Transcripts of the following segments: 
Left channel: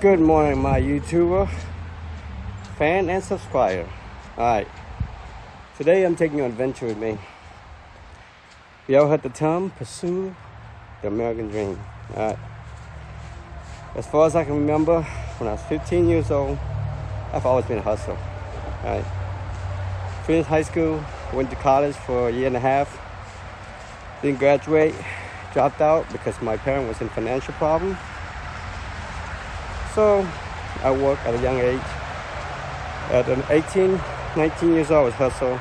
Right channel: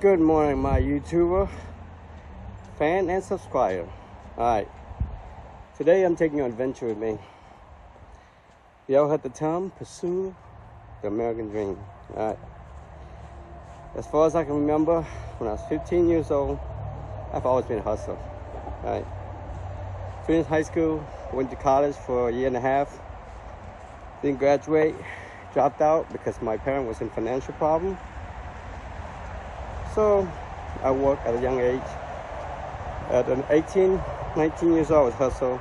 Good morning, my YouTuber fan and subscriber. Alright, today I'm taking you on an adventure with me. Y'all heard the term, pursue the American dream. Alright, as far as I can remember, when I was 15 years old, I've always been a hustler. Alright, finished high school, went to college for a year and a half, didn't graduate, dropped out because my parent was in financial problem. So I worked at a young age. At 18, 19 years old, I was hustle.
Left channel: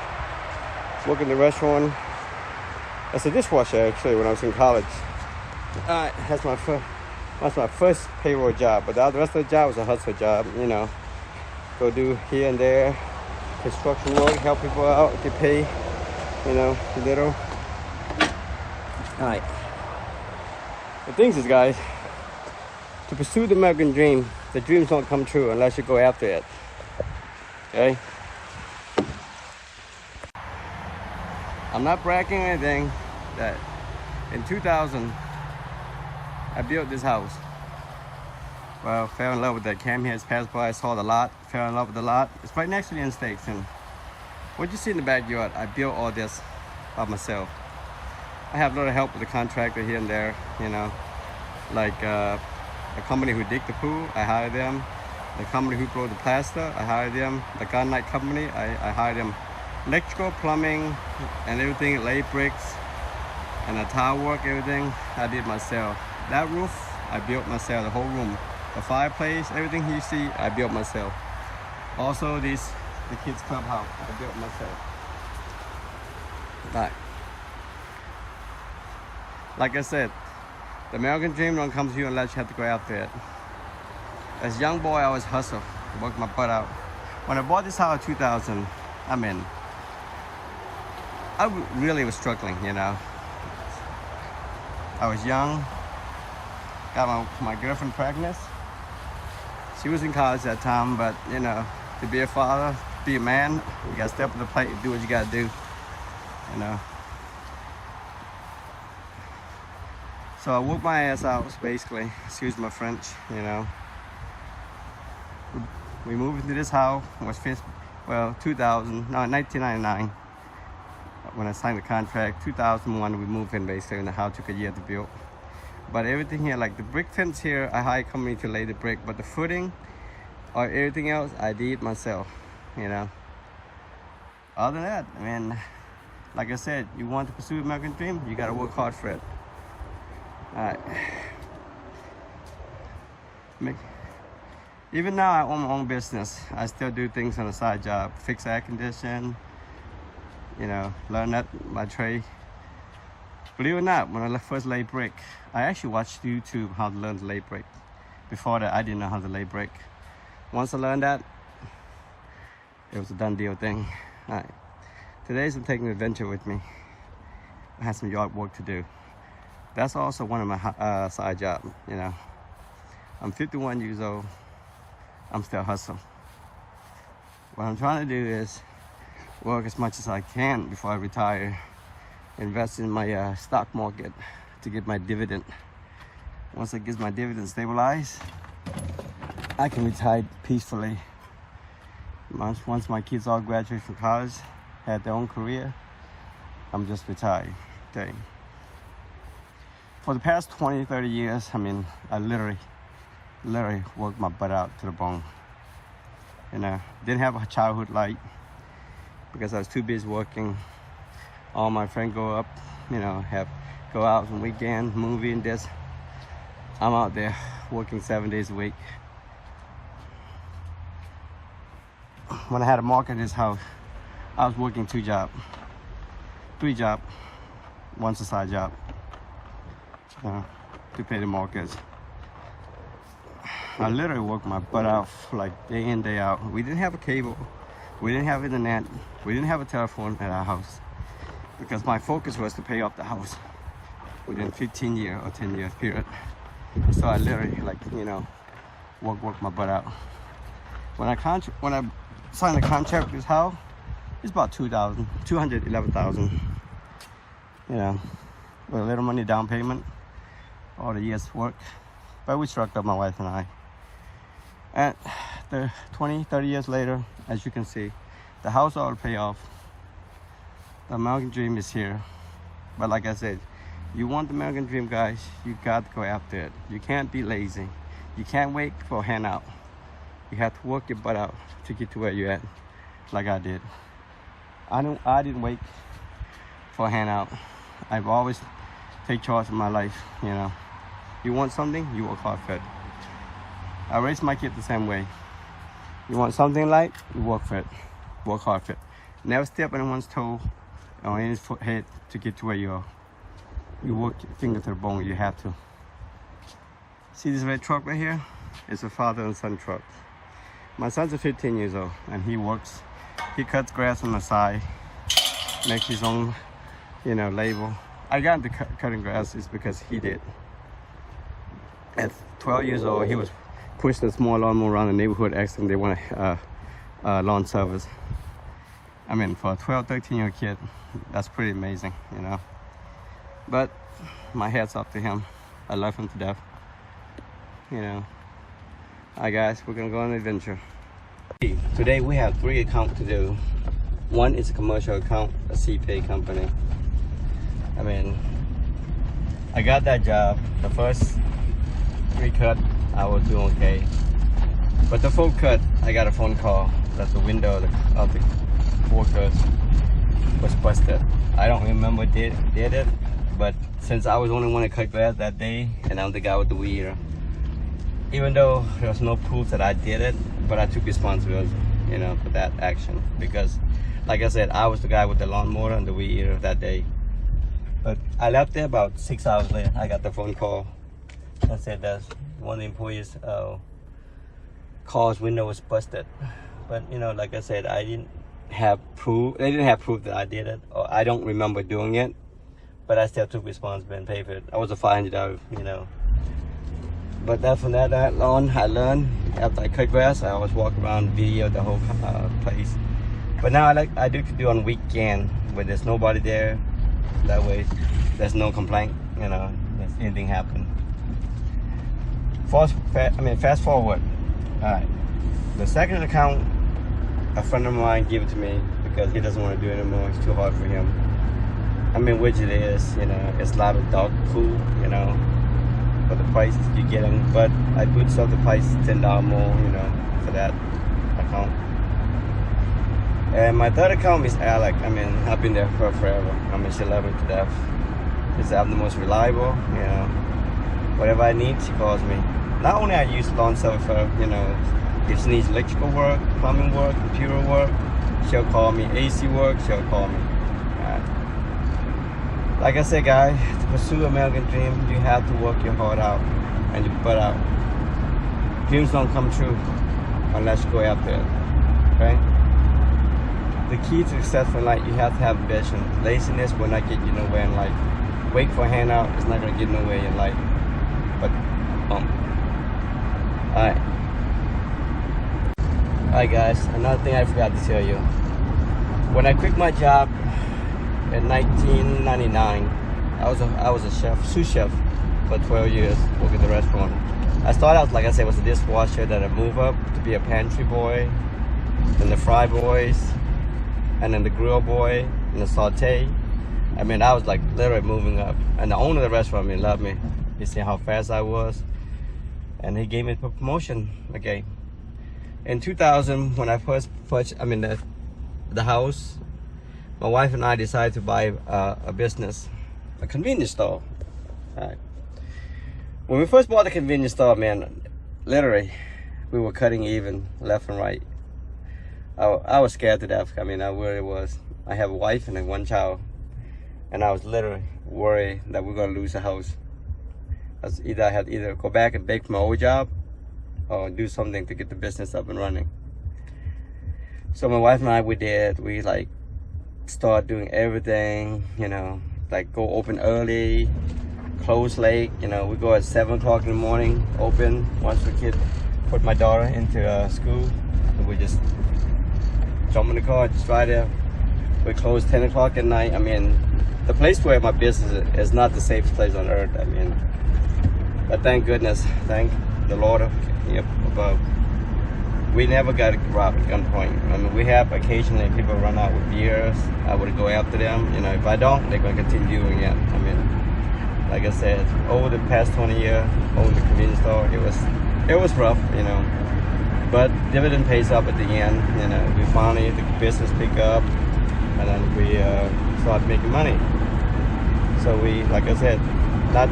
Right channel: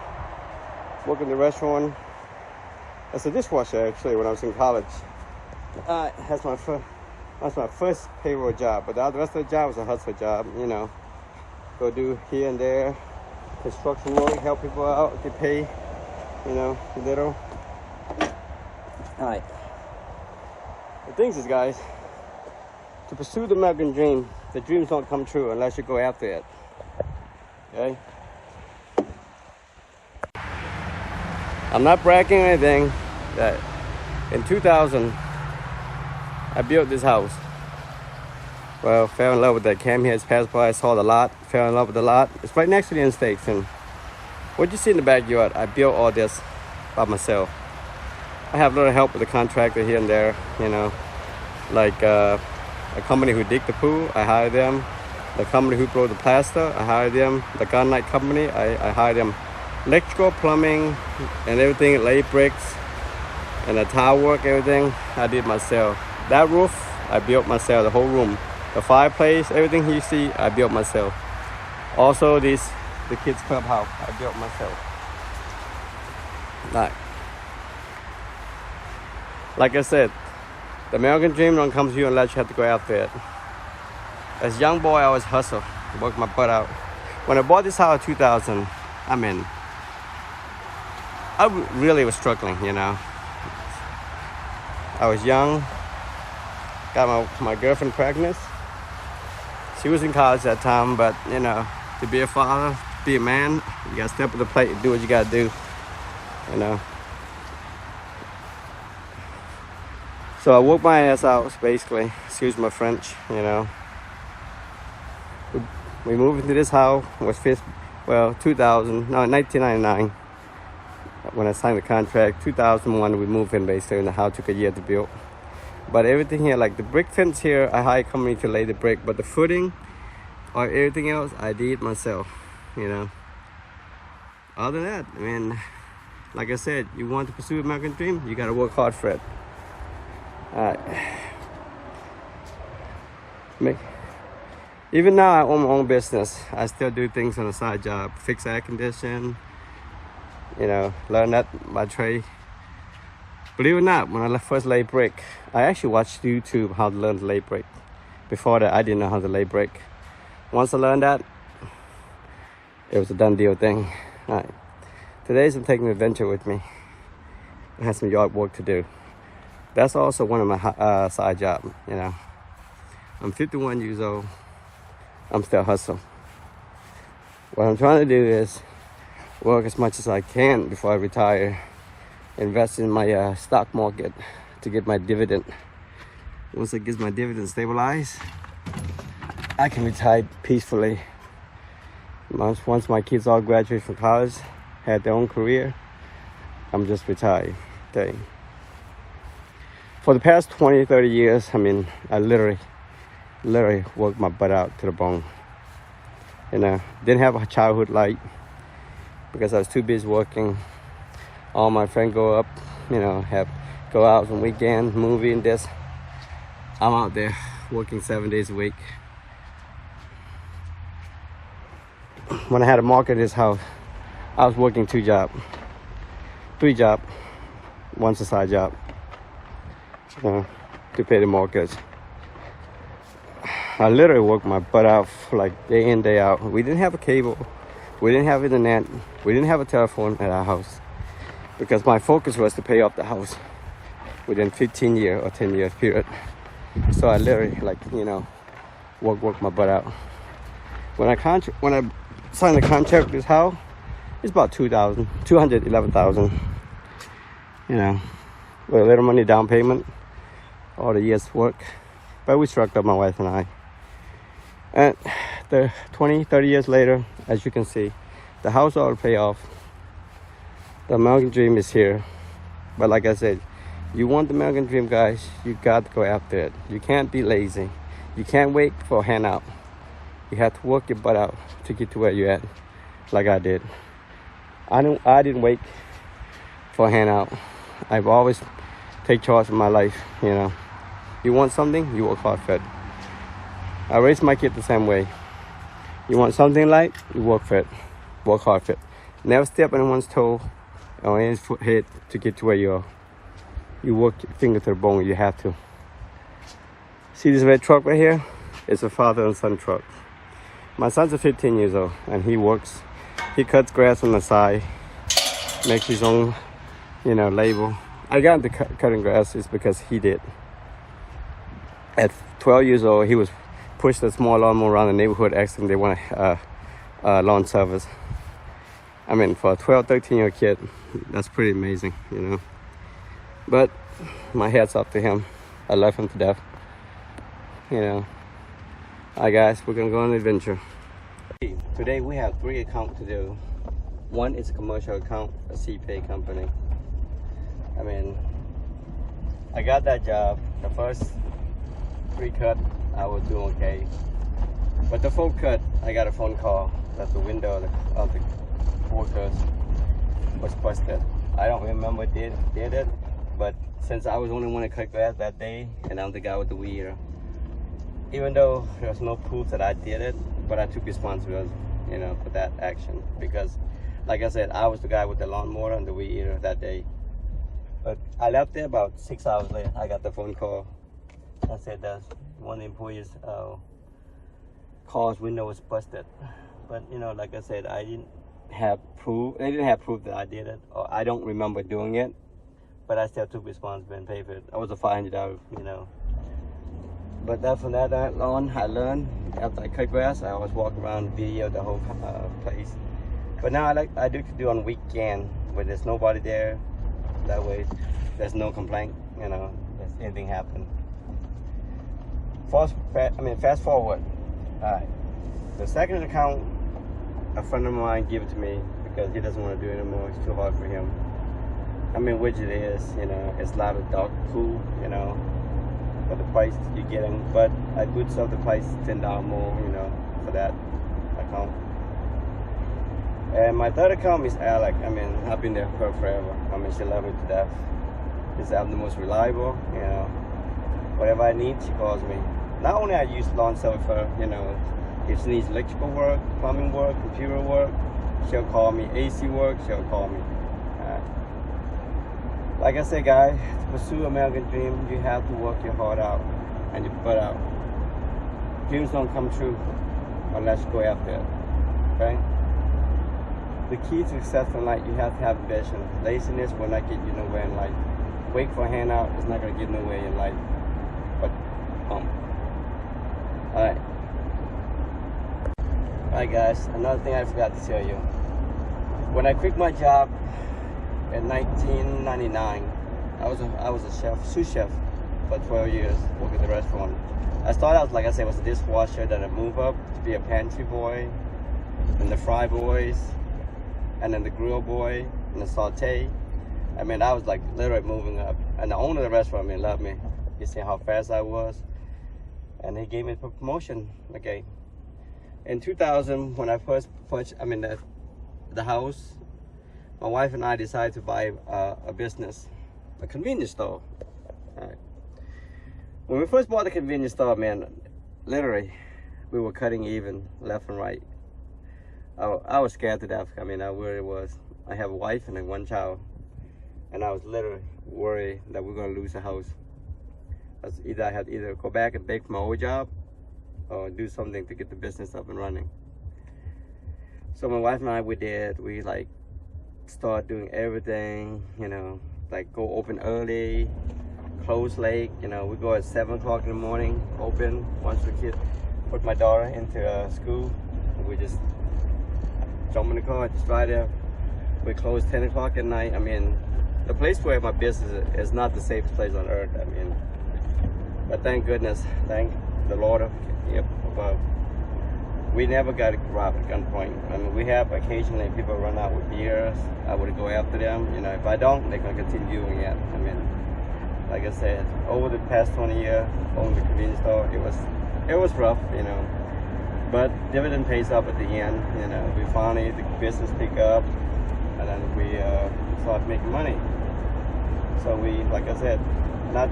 Working in the restaurant as a dishwasher actually when I was in college. That's my first payroll job, but the rest of the job was a hustle job, you know. Go do here and there, construction work, help people out, get paid, you know, a little. Alright. The thing is, guys, to pursue the American dream, the dreams don't come true unless you go after it. Okay? I'm not bragging or anything. That in 2000, I built this house. Well, fell in love with that. Came here, it's passed by, saw the lot, fell in love with the lot. It's right next to the interstate. What you see in the backyard, I built all this by myself. I have a little help with the contractor here and there, you know, like a company who dig the pool, I hire them. The company who blow the plaster, I hire them. The gunite company, I hire them. Electrical, plumbing, and everything, lay bricks, and the tile work, everything, I did myself. That roof, I built myself, the whole room. The fireplace, everything you see, I built myself. Also the kids' clubhouse, I built myself. Right. Like I said, the American dream don't come to you unless you have to go after it. As a young boy, I always hustle, work my butt out. When I bought this house in 2000, I really was struggling, you know. I was young, got my girlfriend pregnant. She was in college at that time, but you know, to be a father, be a man, you gotta step up to the plate and do what you gotta do, you know. So I worked my ass out, basically. Excuse my French, you know. We moved into this house, was 1999. When I signed the contract, 2001 we moved in basically, and the house took a year to build. But everything here, like the brick fence here, I hired a company to lay the brick, but the footing or everything else, I did myself, you know. Other than that, like I said, you want to pursue American dream, you gotta work hard for it. Alright. Even now I own my own business. I still do things on the side job. Fix air condition, you know, learn that by trade. Believe it or not, when I first laid brick, I actually watched YouTube how to learn to lay brick. Before that, I didn't know how to lay brick. Once I learned that, it was a done deal thing. Alright. Today I'm taking an adventure with me. I have some yard work to do. That's also one of my side jobs, you know. I'm 51 years old. I'm still hustling. What I'm trying to do is work as much as I can before I retire. Invest in my stock market to get my dividend. Once it gets my dividend stabilized, I can retire peacefully. Once my kids all graduate from college, have their own career, I'm just retired, okay? For the past 20, 30 years, I literally worked my butt out to the bone. You know, didn't have a childhood life because I was too busy working. All my friends go up, you know, go out on weekend, movie and this. I'm out there working 7 days a week. When I had to market this house, I was working 3 jobs, one's a side job, you know, to pay the mortgage. I literally worked my butt out like day in, day out. We didn't have a cable, we didn't have internet, we didn't have a telephone at our house because my focus was to pay off the house within 15 years or 10 years period. So I literally, like, you know, work my butt out. When I signed the contract with this house, it's about $211,000. You know, with a little money down payment, all the years work. But we struck up, my wife and I. And the 20, 30 years later, as you can see, the house all pay off. The American dream is here. But like I said, you want the American dream, guys, you got to go after it. You can't be lazy. You can't wait for a handout. You have to work your butt out to get to where you're at, like I did. I didn't wait for a handout. I've always take charge of my life, you know. You want something, you work hard for it. I raised my kid the same way. You want something like, you work for it. Work hard for it. Never step on anyone's toe or anyone's head to get to where you are. You work your finger to the bone, you have to. See this red truck right here? It's a father and son truck. My son's 15 years old and he works. He cuts grass on the side, makes his own, you know, label. I got into cutting grass is because he did. At 12 years old, he was pushing a small lawnmower around the neighborhood asking they want lawn service. I mean, for a 12, 13-year-old kid, that's pretty amazing, you know. But my hat's off to him. I love him to death. You know. Alright guys, we're gonna go on an adventure. Today we have 3 accounts to do. One is a commercial account, a CPA company. I mean, I got that job. The first 3 cut, I was doing okay. But the 4th cut, I got a phone call that the window of the workers was busted. I don't remember did it, but since I was the only one to cut grass that day, and I'm the guy with the weed eater, even though there's no proof that I did it, but I took responsibility, you know, for that action. Because, like I said, I was the guy with the lawnmower and the weed eater that day. But I left there about 6 hours later. I got the phone call that said that one of the employees' car's window was busted. But, you know, like I said, I didn't have proof. They didn't have proof that I did it, or I don't remember doing it. But I still took responsibility and paid for it. I was a $500, you know. But from that on, I learned after I cut grass, I always walk around and video the whole place. But now I do on weekend when there's nobody there. That way, there's no complaint, you know, if anything happen. Fast forward. All right, the second account, a friend of mine gave it to me because he doesn't want to do it anymore. It's too hard for him. I mean, which it is, you know, it's a lot of dog food, you know, for the price you're getting. But I put sell the price $10 more, you know, for that account. And my third account is Alec. I mean, I've been there for forever. I mean, she loves me to death. She's the most reliable, you know. Whatever I need, she calls me. Not only I use lawn service for, you know, if she needs electrical work, plumbing work, computer work, she'll call me. AC work, she'll call me. Like I said, guys, to pursue American dream, you have to work your heart out and your butt out. Dreams don't come true unless you go after it, okay? The key to success in life, you have to have vision. Laziness will not get you nowhere in life. Wait for a handout, it's not gonna get nowhere in life. But, Alright. Alright guys, another thing I forgot to tell you. When I quit my job in 1999, I was a chef, sous chef for 12 years, working at the restaurant. I started out, like I said, was a dishwasher, then I moved up to be a pantry boy, then the fry boys, and then the grill boy, and the saute. I mean, I was like literally moving up. And the owner of the restaurant, I mean, loved me. He said how fast I was. And he gave me a promotion, okay. In 2000, when I first purchased, the house, my wife and I decided to buy a business, a convenience store. All right. When we first bought the convenience store, man, literally, we were cutting even left and right. I was scared to death. I mean, I really was. I have a wife and then 1 child, and I was literally worried that we're gonna lose the house. I had to either go back and beg for my old job, or do something to get the business up and running. So my wife and I, we like start doing everything, you know, like go open early, close late. You know, we go at 7 o'clock in the morning, open once the kid put my daughter into school, and we just jump in the car, just drive there. We close 10 o'clock at night. I mean, the place where my business is not the safest place on earth. I mean, but thank goodness, thank the Lord up above. we never got robbed at gunpoint. I mean, we have occasionally people run out with beers. I would go after them. You know, if I don't, they're gonna continue doing it. I mean, like I said, over the past 20 years, over the convenience store, it was rough, you know. But dividend pays up at the end. You know, we finally the business pick up, and then we start making money. So we, like I said, not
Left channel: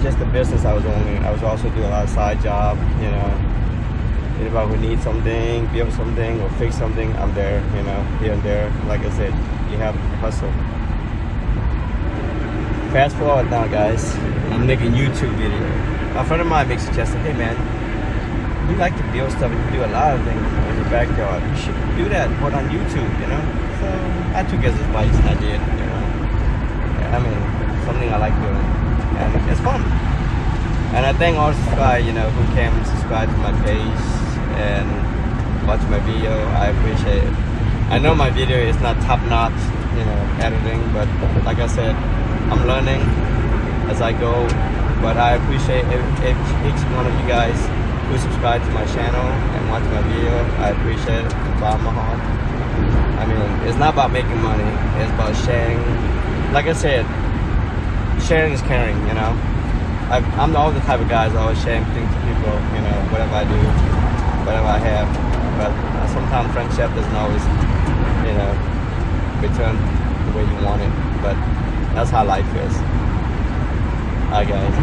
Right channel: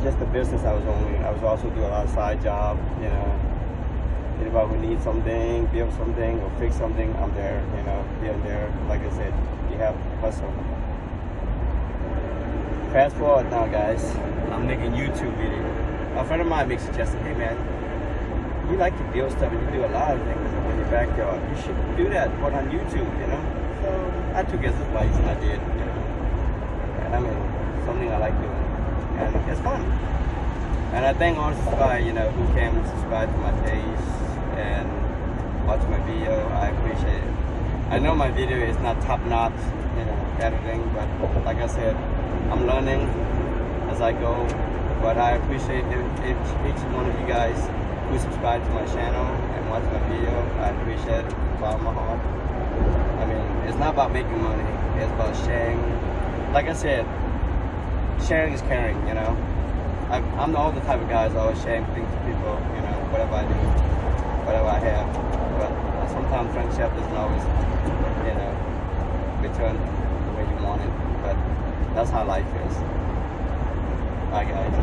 just the business. I was also doing a lot of side job. You know, anybody who needs something, build something, or fix something, I'm there. You know, here and there. Like I said, you have to hustle. Fast forward now, guys. I'm making YouTube video. A friend of mine makes suggestion, hey man, you like to build stuff and you do a lot of things in your backyard. You should do that, put on YouTube, you know? So I took his advice and I did, you know? Yeah, I mean, something I like doing. And it's fun. And I thank all the subscribers, you know, who came and subscribe to my page and watch my video. I appreciate it. I know my video is not top-notch, you know, editing, but like I said, I'm learning as I go. But I appreciate each one of you guys who subscribe to my channel and watch my video. I appreciate it from the bottom of my heart. I mean, it's not about making money. It's about sharing. Like I said, sharing is caring, you know. I'm all the type of guys always sharing things to people, you know, whatever I do, whatever I have. But sometimes friendship doesn't always, you know, return the way you want it. But that's how life is. Hi guys.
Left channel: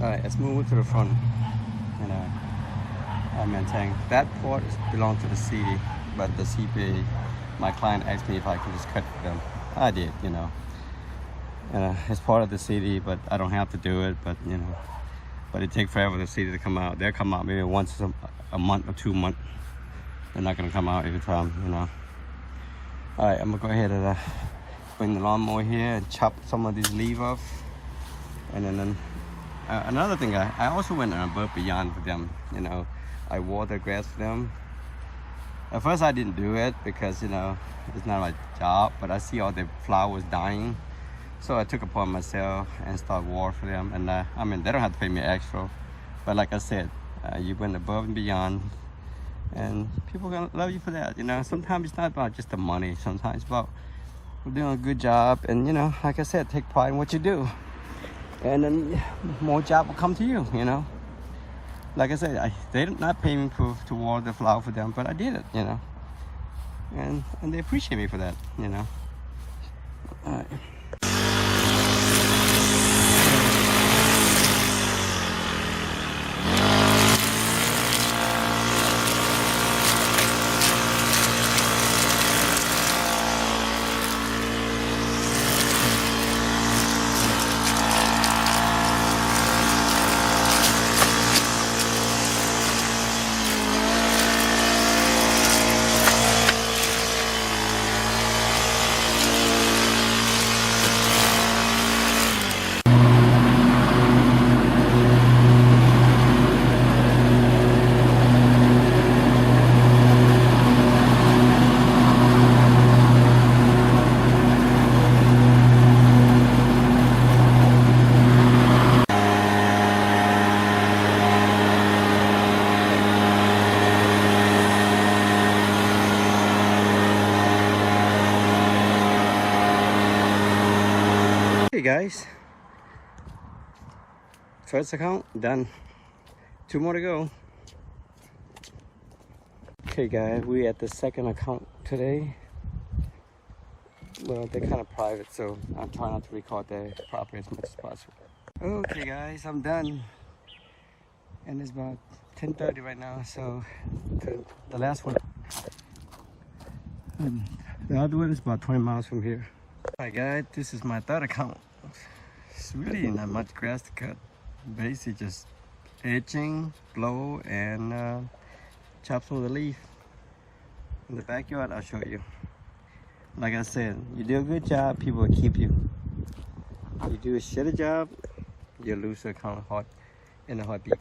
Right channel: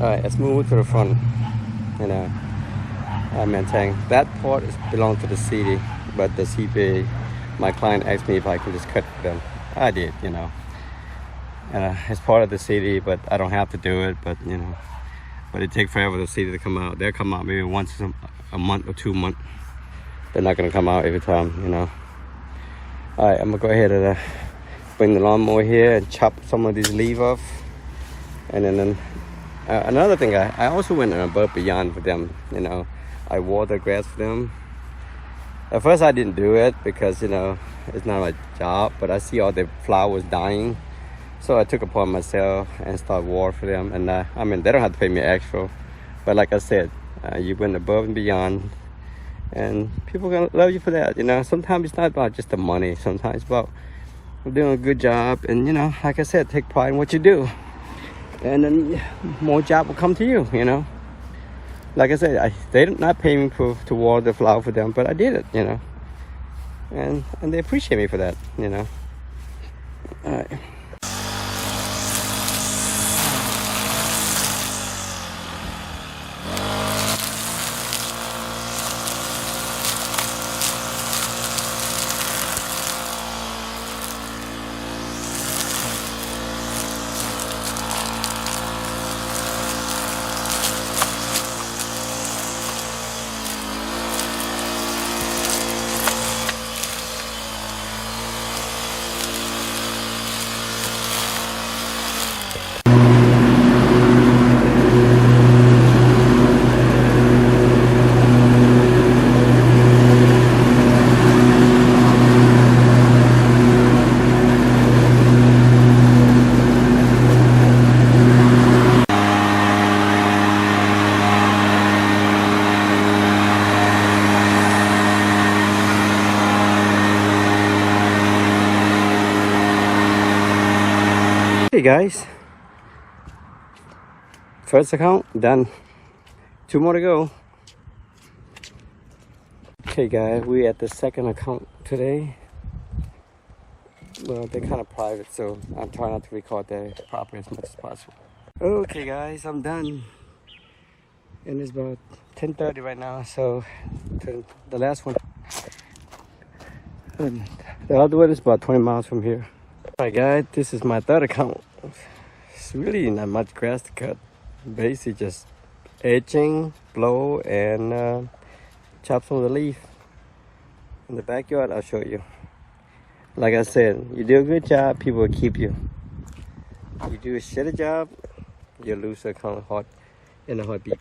Alright, let's move to the front. You know, I maintain that part belongs to the city, but the CPA, my client asked me if I could just cut them. I did, you know. It's part of the city, but I don't have to do it. But you know, but it takes forever for the city to come out. They'll come out maybe once a month or 2 months. They're not gonna come out every time, you know. Alright, I'm gonna go ahead and bring the lawnmower here and chop some of these leaves off, and then. Another thing, I also went above beyond for them, you know. I water grass for them. At first I didn't do it because, you know, it's not my job, but I see all the flowers dying. So I took it upon myself and started water for them. And I mean, they don't have to pay me extra. But like I said, you went above and beyond. And people are gonna love you for that, you know. Sometimes it's not about just the money. Sometimes it's about doing a good job. And, you know, like I said, take pride in what you do. And then more job will come to you, you know. Like I said, they did not pay me to water the flower for them, but I did it, you know. And they appreciate me for that, you know. All right. Hey guys, first account done, 2 more to go. Okay guys, we at the second account today. Well, they're kind of private, so I'm trying not to record the property as much as possible. Okay guys, I'm done, and it's about 10:30 right now. So the last one, the other one is about 20 miles from here. Alright guys, this is my third account. It's really not much grass to cut. Basically just edging, blow, and chop some of the leaf. In the backyard, I'll show you. Like I said, you do a good job, people will keep you. You do a shitty job, you lose a account hot in a heartbeat.